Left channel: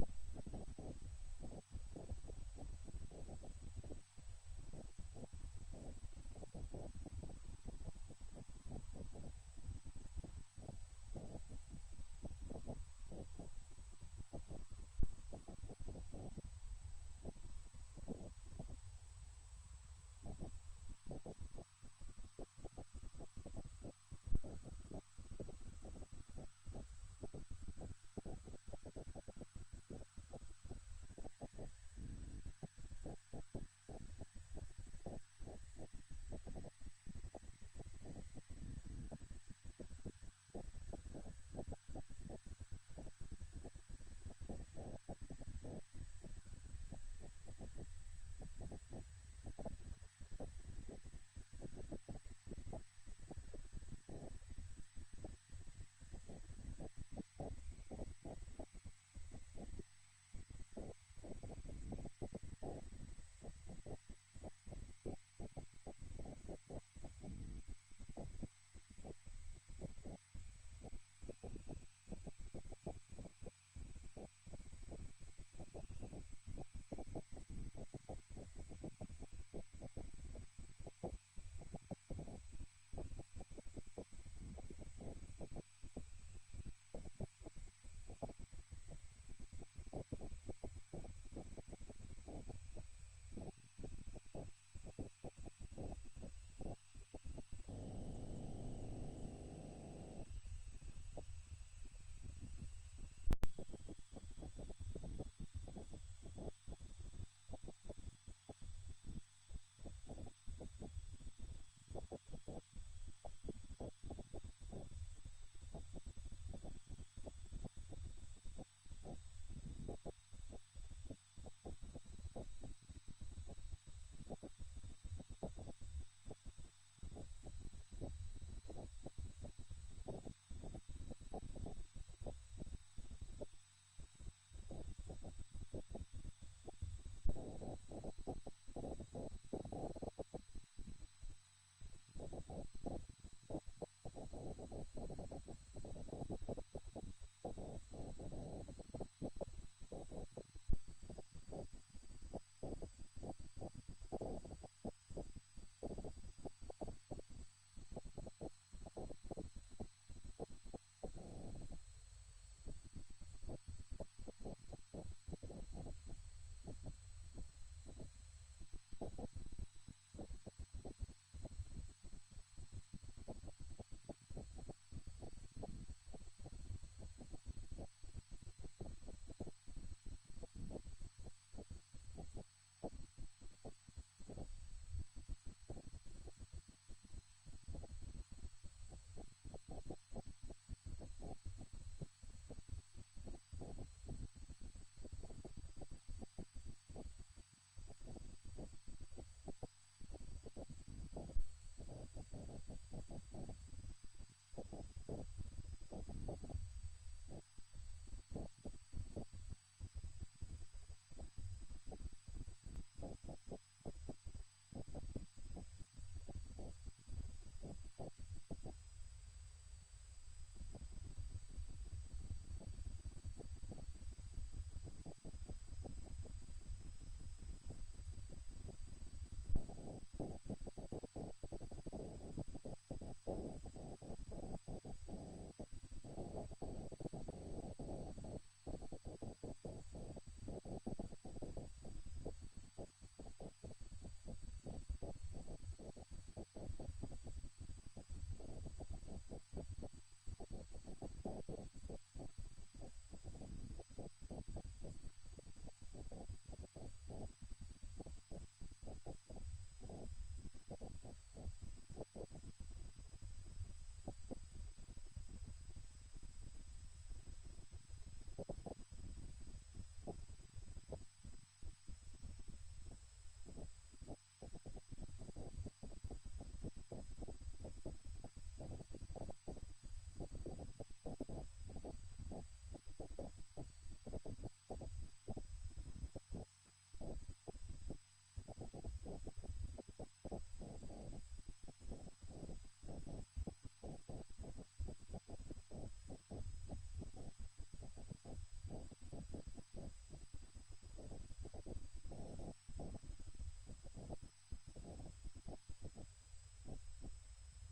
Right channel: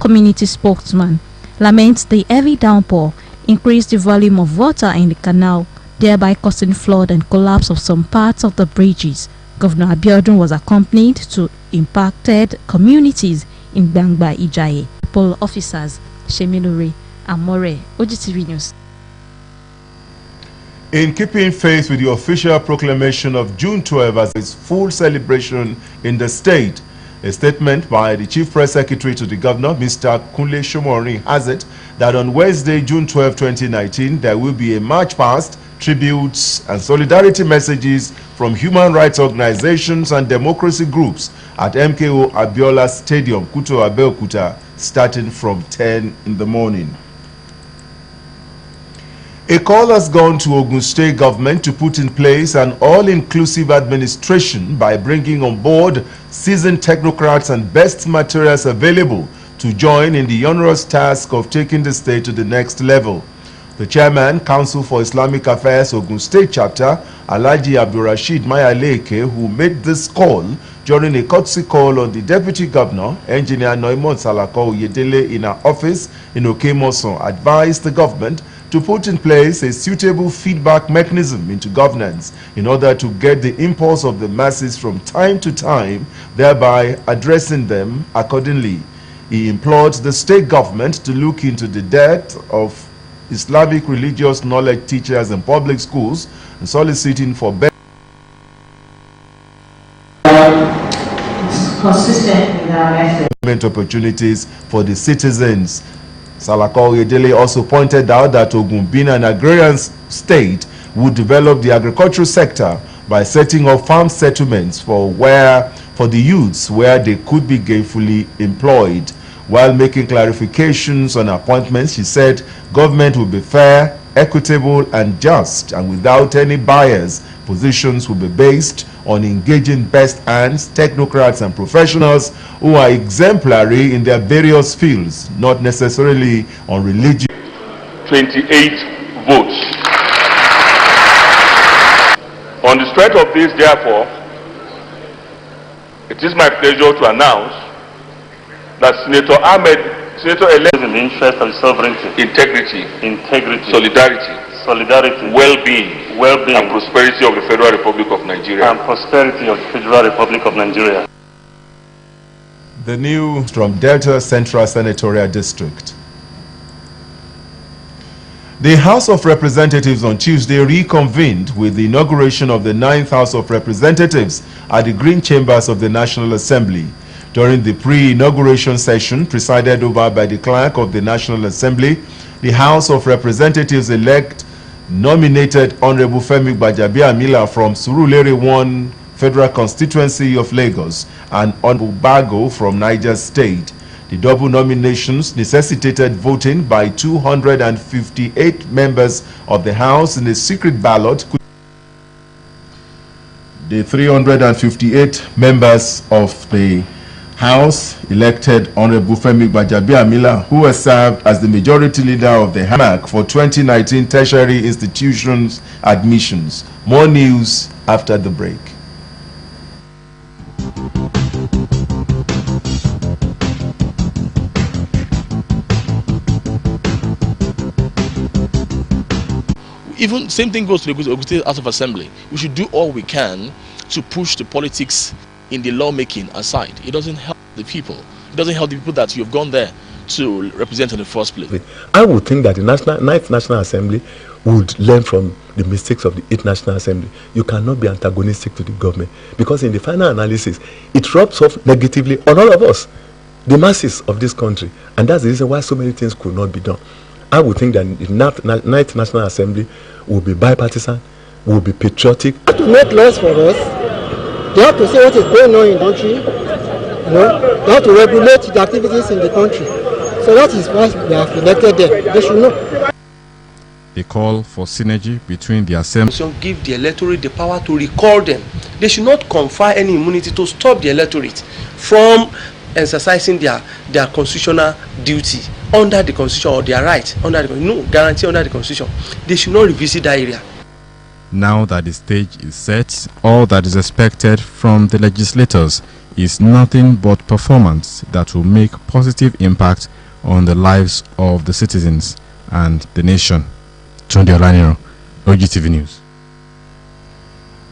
Community spokesman laments the heavy downpour increased the volume of water in the canal, thereby causing flood and collapse of some parts of the bridges. Governor Abiodun was accompanied to impacted communities in Gbangba Ijaye. Pole officers Shemilore Amore, Ogtv News. In keeping faith with the official proclamation of June 12 as its full celebration in the state, a statement by the Chief Press Secretary to the Governor, Mr. Kunle Shomori, has it that on Wednesday, June 12, 2019, there will be a march past, tributes and solidarity messages from human rights organizations and democracy groups at MKO Abiola Stadium, Kuto Abeokuta, starting from 10 in the morning. A call has gone to Ogun State government to put in place an all-inclusive administration by bringing on board seasoned technocrats and best materials available to join in the onerous task of taking the state to the next level. The chairman, Council for Islamic Affairs, Ogun State Chapter, Alhaji Abdulrasheed Mayaleke, who made this call during a courtesy call on the Deputy Governor, Engineer Noimon Salako Oyedele, in her office in Okemoson, advised the government to put in place a suitable feedback mechanism into governance in order to get the impulse of the masses from time to time, thereby addressing them accordingly. He implored the state government to look into the dearth of Islamic religious knowledge teachers in public schools and soliciting for better consistent with our efforts. Opportunities for the citizens. Salako Oyedele also pointed out that Ogun, being an agrarian state, would develop the agricultural sector by setting up farm settlements for the youths where they could be gainfully employed. While making clarifications on appointments, she said government will be fair, equitable and just, and without any bias. Positions will be based on engaging best hands, technocrats and professionals who are exemplary in their various fields, not necessarily on religion. 28 votes. On the strength of this, therefore, it is my pleasure to announce that Senator Ahmed-elect, in the interest of sovereignty, integrity, solidarity, well-being, and prosperity of the Federal Republic of Nigeria. The news from Delta Central Senatorial District. The House of Representatives on Tuesday reconvened with the inauguration of the 9th House of Representatives at the Green Chambers of the National Assembly. During the pre-inauguration session presided over by the Clerk of the National Assembly, the House of Representatives-elect nominated Honorable Femi Gbajabiamila from Surulere 1 Federal Constituency of Lagos and Honorable Bago from Niger State. The double nominations necessitated voting by 258 members of the House in a secret ballot. The 358 members of the House elected Honorable Femi Gbajabiamila, who has served as the majority leader of the HAMAC for 2019 tertiary institutions admissions. More news after the break. Even same thing goes to the Ogun State House of Assembly. We should do all we can to push the politics in the lawmaking aside. It doesn't help the people. It doesn't help the people that you've gone there to represent in the first place. I would think that the 9th National Assembly would learn from the mistakes of the 8th National Assembly. You cannot be antagonistic to the government, because in the final analysis, it rubs off negatively on all of us, the masses of this country. And that's the reason why so many things could not be done. I would think that the 9th National Assembly will be bipartisan, will be patriotic. To make laws for us, they have to say what is going on in the country. You know, they have to regulate the activities in the country. So that is why we have elected them. They should know. A call for synergy between the assembly. Give the electorate the power to recall them. They should not confer any immunity to stop the electorate from exercising their constitutional duty under the constitution, or their right under the no guarantee under the constitution. They should not revisit that area. Now that the stage is set, all that is expected from the legislators is nothing but performance that will make positive impact on the lives of the citizens and the nation. Tunde Olaniro, Ogtv News.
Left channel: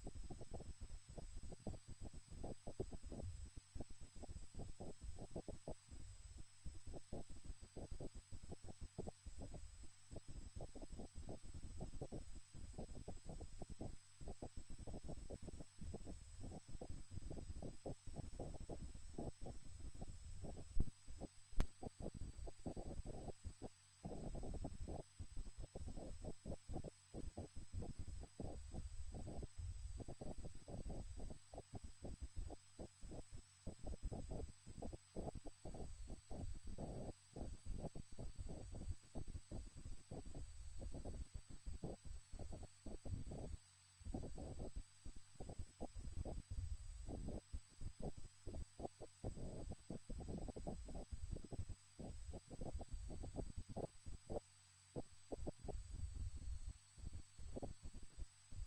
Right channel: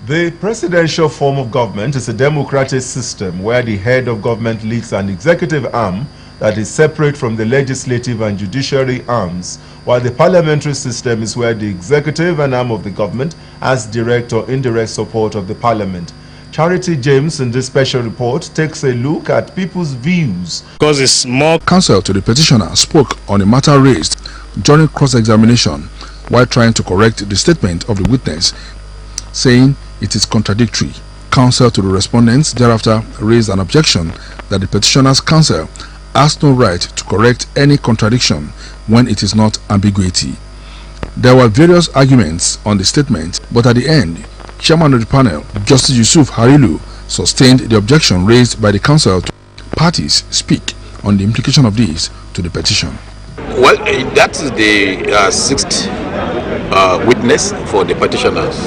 The presidential form of government is a democratic system where the head of government leads an executive arm that is separate from the legislative and judiciary arms, while the parliamentary system is where the executive and arm of the government has direct or indirect support of the parliament. Charity James in this special report takes a look at people's views. Because it's more counsel to the petitioner spoke on a matter raised during cross-examination while trying to correct the statement of the witness, saying it is contradictory. Counsel to the respondents thereafter raised an objection that the petitioner's counsel has no right to correct any contradiction when it is not ambiguity. There were various arguments on the statement, but at the end, Chairman of the panel, Justice Yusuf Harilu, sustained the objection raised by the counsel to parties speak on the implication of this to the petition. Well, that is the sixth witness for the petitioners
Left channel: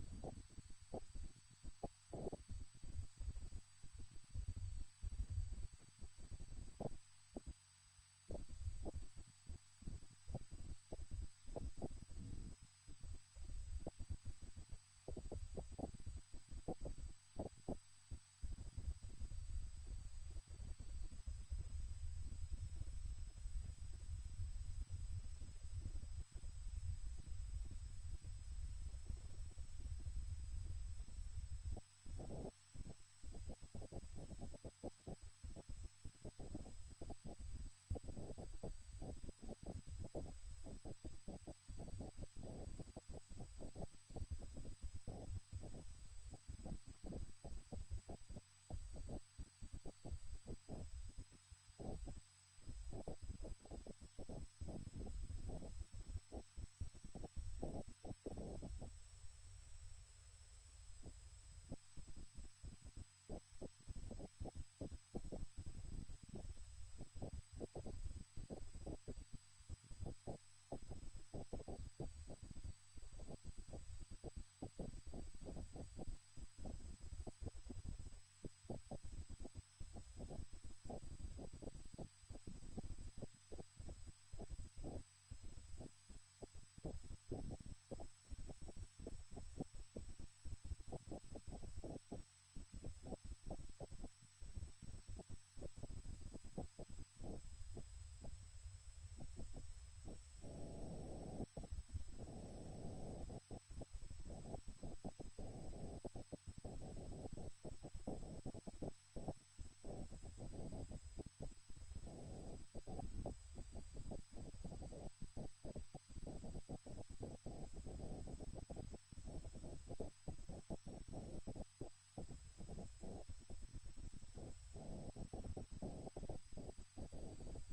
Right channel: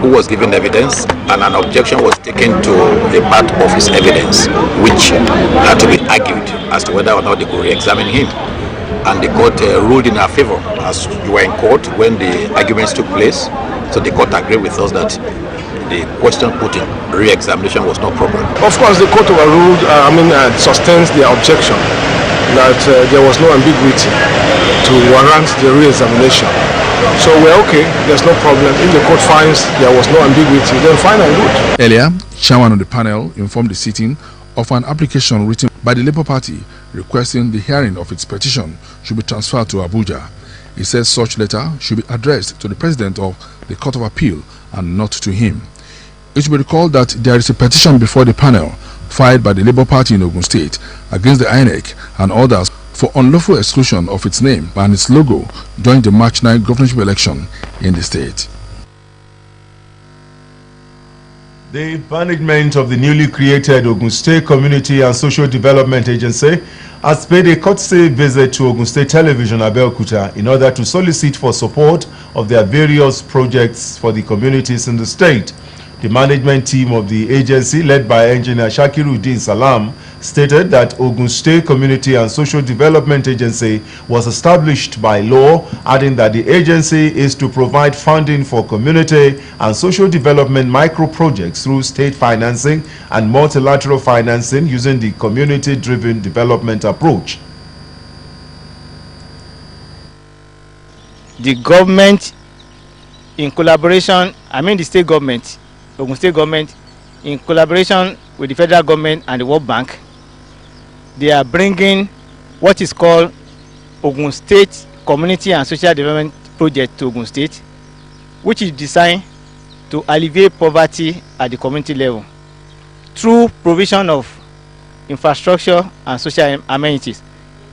who was given evidence, and an objection was taken to a part of his evidence which had to be argued as to whether or not they could re-examine him. And the court ruled in our favor, as you were in court when the arguments took place. So the court agreed with us that the question put in re-examination was no problem. Of course, the court overruled, sustains the objection that there was no ambiguity to warrant the re-examination. So we're okay, there's no problem. If the court finds there was no ambiguity, then fine and good. Earlier, Chairman of the panel informed the sitting of an application written by the Labour Party requesting the hearing of its petition should be transferred to Abuja. He says such letter should be addressed to the President of the Court of Appeal and not to him. It should be recalled that there is a petition before the panel filed by the Labour Party in Ogun State against the INEC and others for unlawful exclusion of its name and its logo during the March 9 governorship election in the state. The management of the newly created Ogun State Community and Social Development Agency has paid a courtesy visit to Ogun State Television Abeokuta in order to solicit for support of their various projects for the communities in the state. The management team of the agency, led by Engineer Shakiruddin Salam, stated that Ogun State Community and Social Development Agency was established by law, adding that the agency is to provide funding for community and social development micro-projects through state financing and multilateral financing using the community-driven development approach. The government, in collaboration, the state government, Ogun State government, in collaboration with the federal government and the World Bank, they are bringing what is called Ogun State Community and Social Development Project to Ogun State, which is designed to alleviate poverty at the community level through provision of infrastructure and social amenities,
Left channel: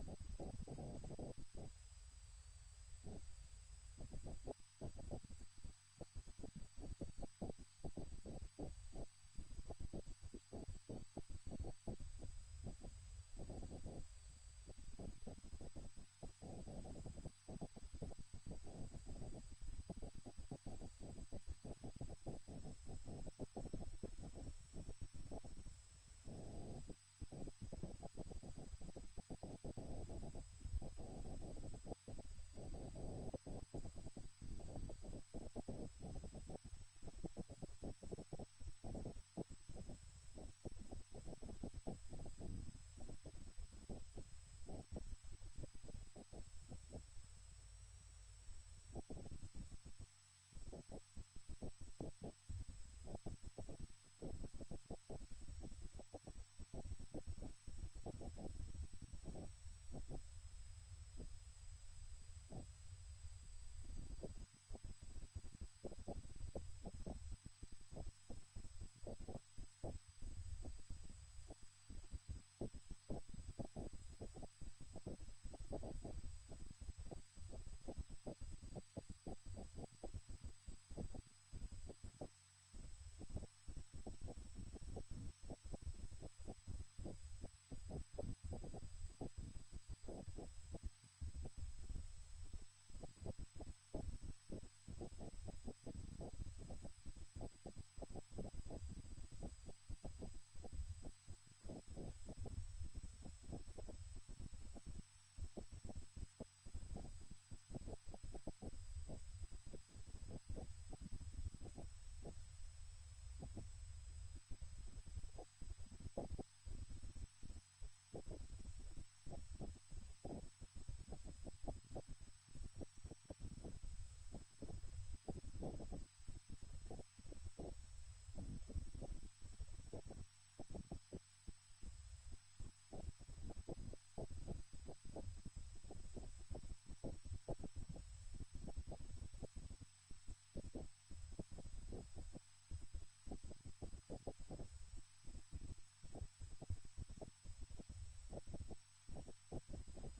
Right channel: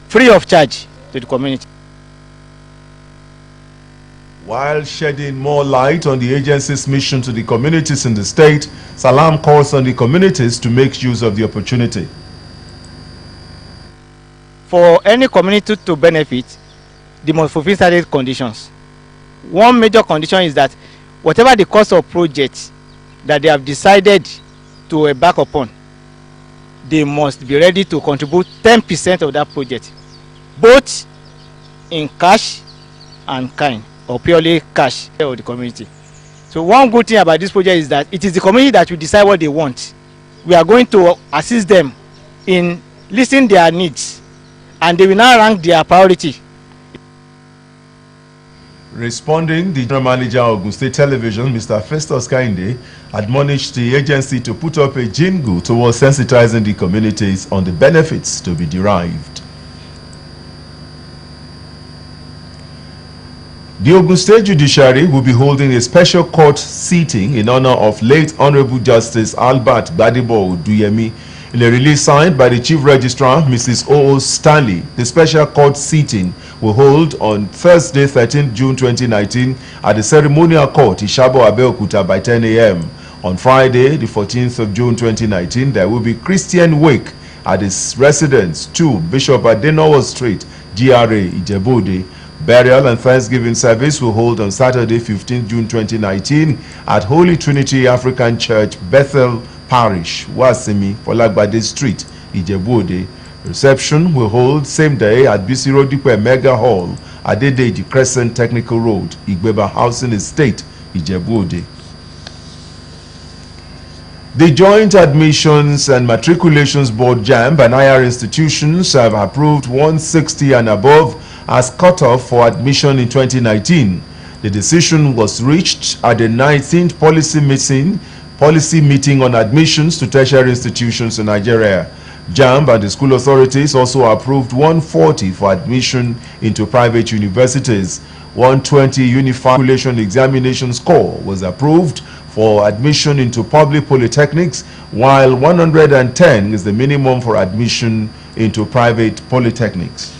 free of charge to the community. While shedding more light on the agency's mission to the communities in the state, Salam calls on the communities to make use of the opportunity. For any community to benefit, they must fulfill certain conditions. One major condition is that whatever the cost of projects that they have decided to embark upon, they must be ready to contribute 10% of that project, both in cash and kind, or purely cash of the community. So one good thing about this project is that it is the community that will decide what they want. We are going to assist them in listening their needs, and they will now rank their priority. Responding, the general manager of Ogun State Television, Mr. Festus Kainde, admonished the agency to put up a jingle towards sensitizing the communities on the benefits to be derived. The Ogun State Judiciary will be holding a special court sitting in honor of late Honorable Justice Albert Gbadebo Oduyemi. In a release signed by the Chief Registrar, Mrs. O.O. Stanley, the special court sitting will hold on Thursday, 13 June 2019 at the Ceremonial Court, Ishabo Abeokuta by 10 a.m. On Friday, the 14th of June 2019, there will be Christian wake at his residence, 2 Bishop Adenowo Street, GRA, Ijebode. Burial and Thanksgiving service will hold on Saturday, 15 June 2019 at Holy Trinity African Church, Bethel Parish, Wasimi, Folagbade Street, Ijebu-Ode. Reception will hold same day at BC Rodipe Mega Hall, Adedeji Crescent Technical Road, Igbeba Housing Estate, Ijebu-Ode. The Joint Admissions and Matriculations Board JAMB and higher institutions have approved 160 and above as cutoff for admission in 2019. The decision was reached at the 19th policy meeting on admissions to tertiary institutions in Nigeria. JAMB and the school authorities also approved 140 for admission into private universities. 120 unified matriculation examination score was approved for admission into public polytechnics, while 110 is the minimum for admission into private polytechnics.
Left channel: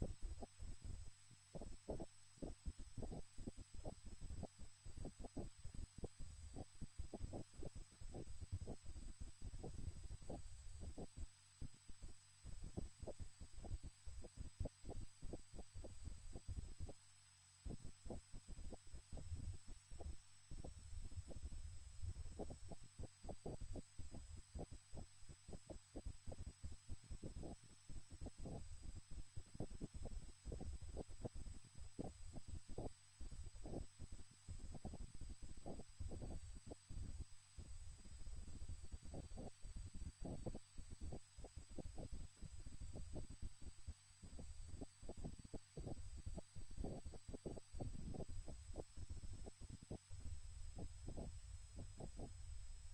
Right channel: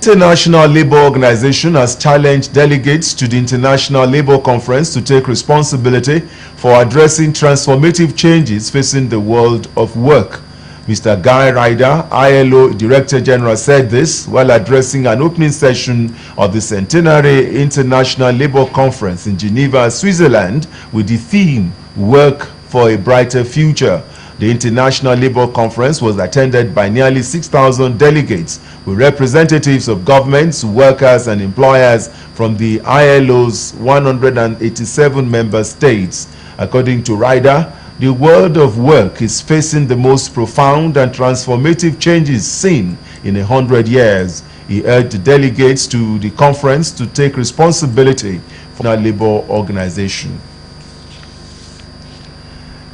The International Labour Organization has challenged delegates to the International Labour Conference to take responsibility for addressing transformative changes facing the world of work. Mr. Guy Ryder, ILO Director General, said this while addressing an opening session of the Centenary International Labour Conference in Geneva, Switzerland, with the theme Work for a Brighter Future. The International Labour Conference was attended by nearly 6,000 delegates with representatives of governments, workers and employers from the ILO's 187 member states. According to Ryder, the world of work is facing the most profound and transformative changes seen in 100 years. He urged delegates to the conference to take responsibility for the labor organization.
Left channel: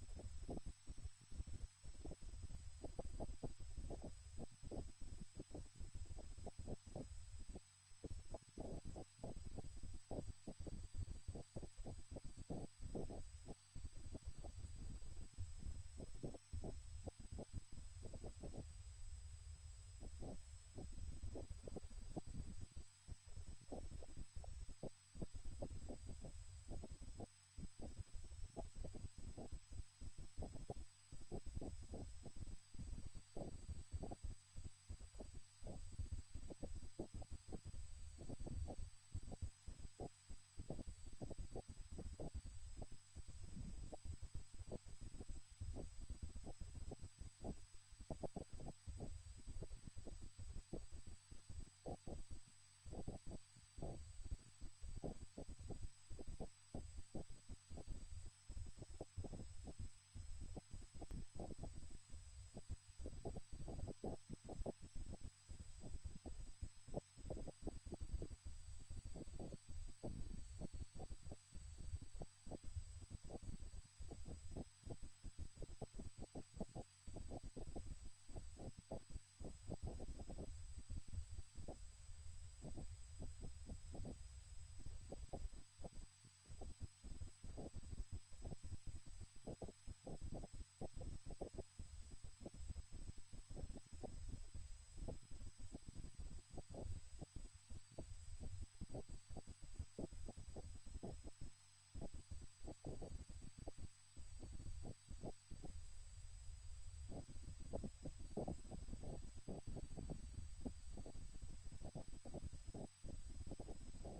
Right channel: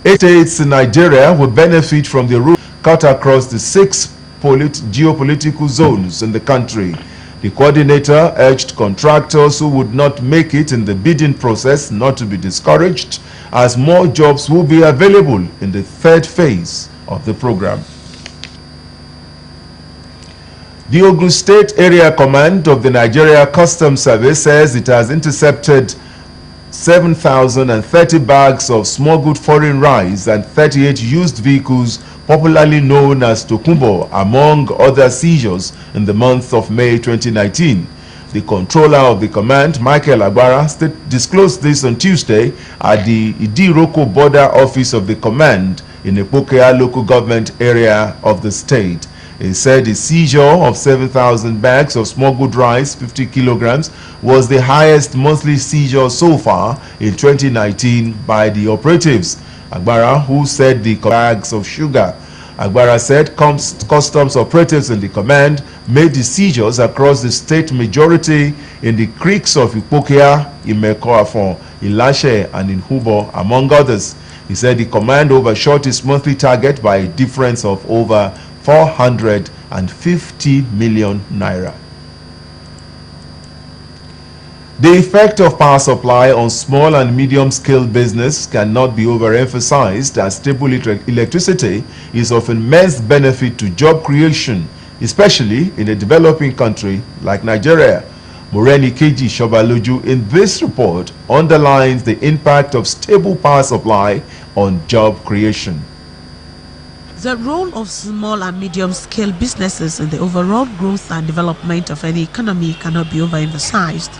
8 states in Nigeria will benefit from the route cut across the 6 geopolitical zones in the country. The coordinator urged contractors who would not make it in the bidding process not to be discouraged, as more jobs will be available in the third phase of the program. The Ogun State Area Command of the Nigeria Customs Service says it has intercepted 7,030 bags of smuggled foreign rice and 38 used vehicles popularly known as Tokumbo, among other seizures in the month of May 2019. The controller of the command, Michael Agbara, disclosed this on Tuesday at the Idiroko border office of the command in the Ipokea local government area of the state. He said the seizure of 7,000 bags of smuggled rice, 50 kilograms, was the highest monthly seizure so far in 2019 by the operatives. Agbara, who said the bags of sugar. Agbara said customs operatives in the command made the seizures across the state majority in the creeks of Ipokea, Imekoafon, Ilashe, and in Hubo, among others. He said the command overshot its monthly target by a difference of over 450 million naira. The effect of power supply on small and medium-scale business cannot be overemphasized, as stable electricity is of immense benefit to job creation, especially in a developing country like Nigeria. Moreni Keji Shobaloju in this report underlines the impact of stable power supply on job creation. The role of small and medium-scale businesses in the overall growth and development of any economy cannot be overemphasized,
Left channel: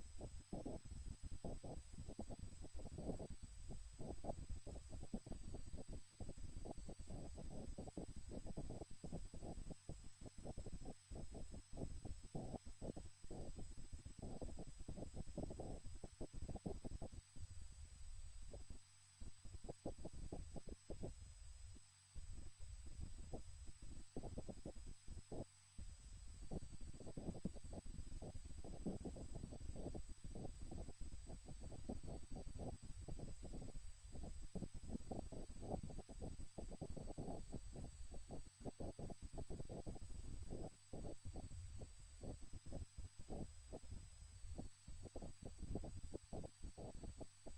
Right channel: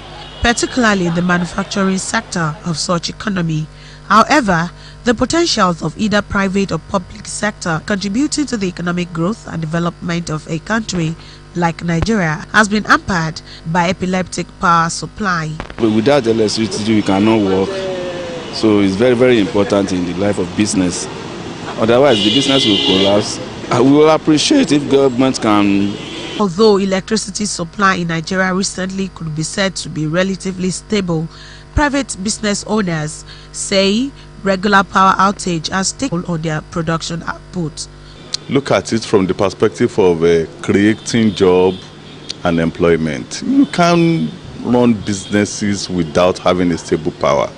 particularly in the manufacturing sector of such economy. However, the potentials of either private or public sector contributing to the economic growth and development of a country like Nigeria has been hampered by epileptic power supply. But without electricity, we cannot work. So it's very, very important in the life of business. Otherwise, the business will collapse. We will appreciate if government can. Although electricity supply in Nigeria recently could be said to be relatively stable, private business owners say regular power outage has taken on their production output. Look at it from the perspective of creating job and employment. You can run businesses without having a stable power.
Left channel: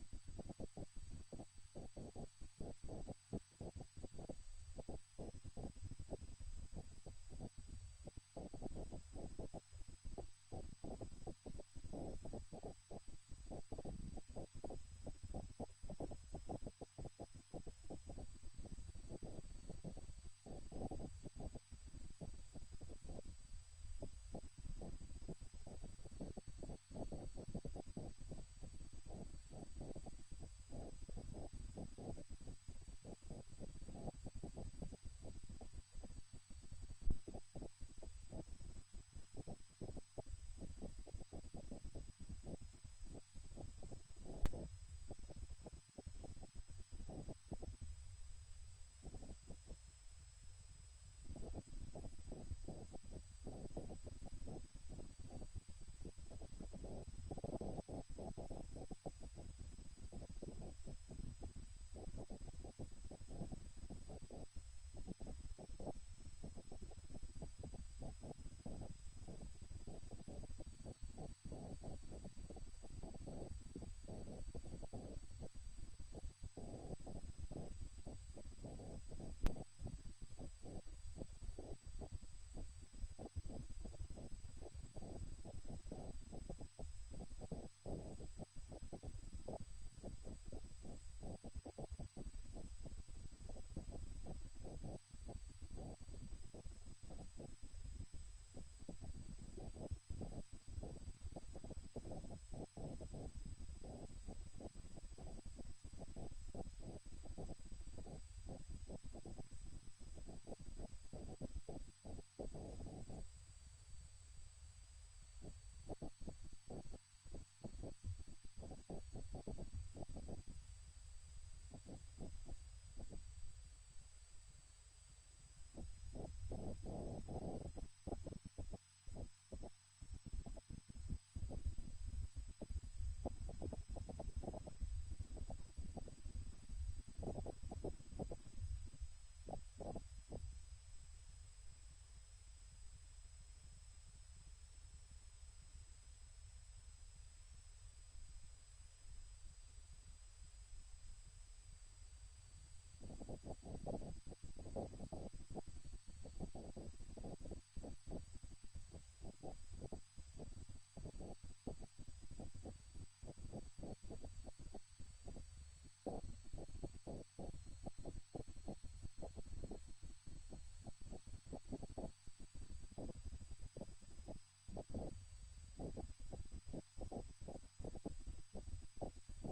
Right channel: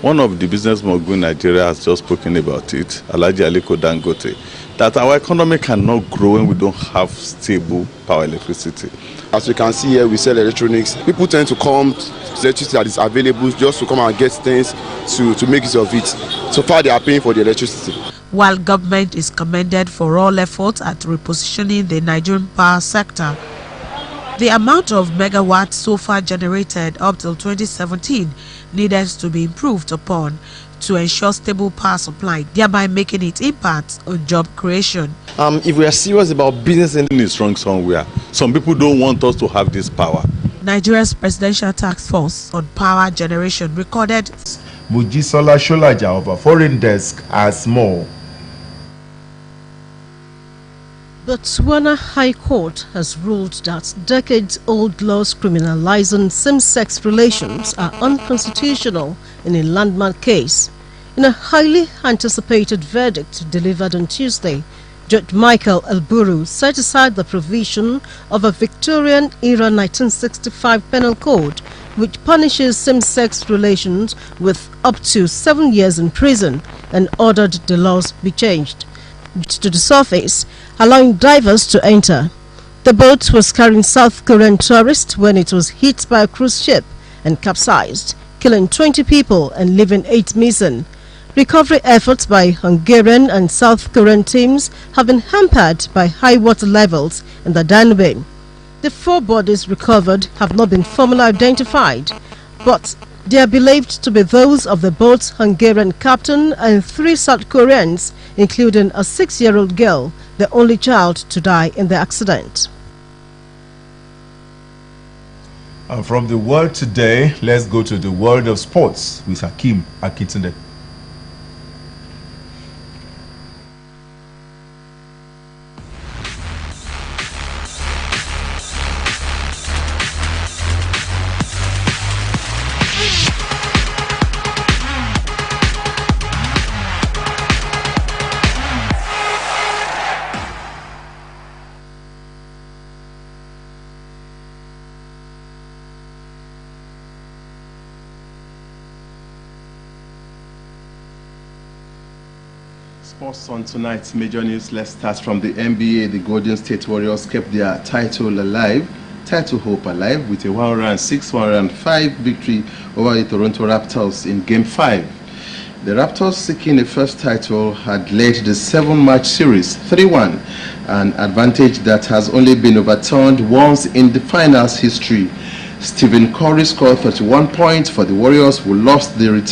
One of the business moguls in Nigeria has just spoken about it, Alhaji Aliko Dangote, that our economy cannot grow when we don't have stable power electricity. As you can see here, we sell electronics. People tend to come to electricity that is available just to come and get things to make use of it. So far, they are paying for the electricity. While government is commended for all efforts at repositioning the Nigerian power sector, The amount of megawatts so far generated up till 2017 needed to be improved upon to ensure stable power supply, thereby making its impact on job creation. If we are serious about business, it's wrong somewhere. Some people don't want us to have this power. Nigeria's Presidential Task Force on Power Generation recorded. Mujisola Sholaja of a foreign desk has more. Botswana High Court has ruled that decades-old laws criminalizing same-sex relations are unconstitutional in a landmark case. In a highly anticipated verdict delivered on Tuesday, Judge Michael Elburu set aside the provision of a Victorian-era 1965 penal code which punishes same-sex relations with up to 7 years in prison and ordered the laws be changed to the surface, allowing divers to enter. The boat was carrying South Korean tourists when it was hit by a cruise ship and capsized, killing 20 people and leaving 8 missing. Recovery efforts by Hungarian and South Korean teams have been hampered by high water levels in the Danube. The 4 bodies recovered have not been formally identified, but they are believed to be those of the boat's Hungarian captain and 3 South Koreans, including a 6-year-old girl, the only child to die in the accident. And from the world today, let's go to the world of sports with Hakeem Akintunde. Sports on tonight's major news. Let's start from the NBA. The Golden State Warriors kept their title hope alive with a 106-105 victory over the Toronto Raptors in Game 5. The Raptors, seeking a first title, had led the 7-match series 3-1, an advantage that has only been overturned once in the finals history. Stephen Curry scored 31 points for the Warriors, who lost the return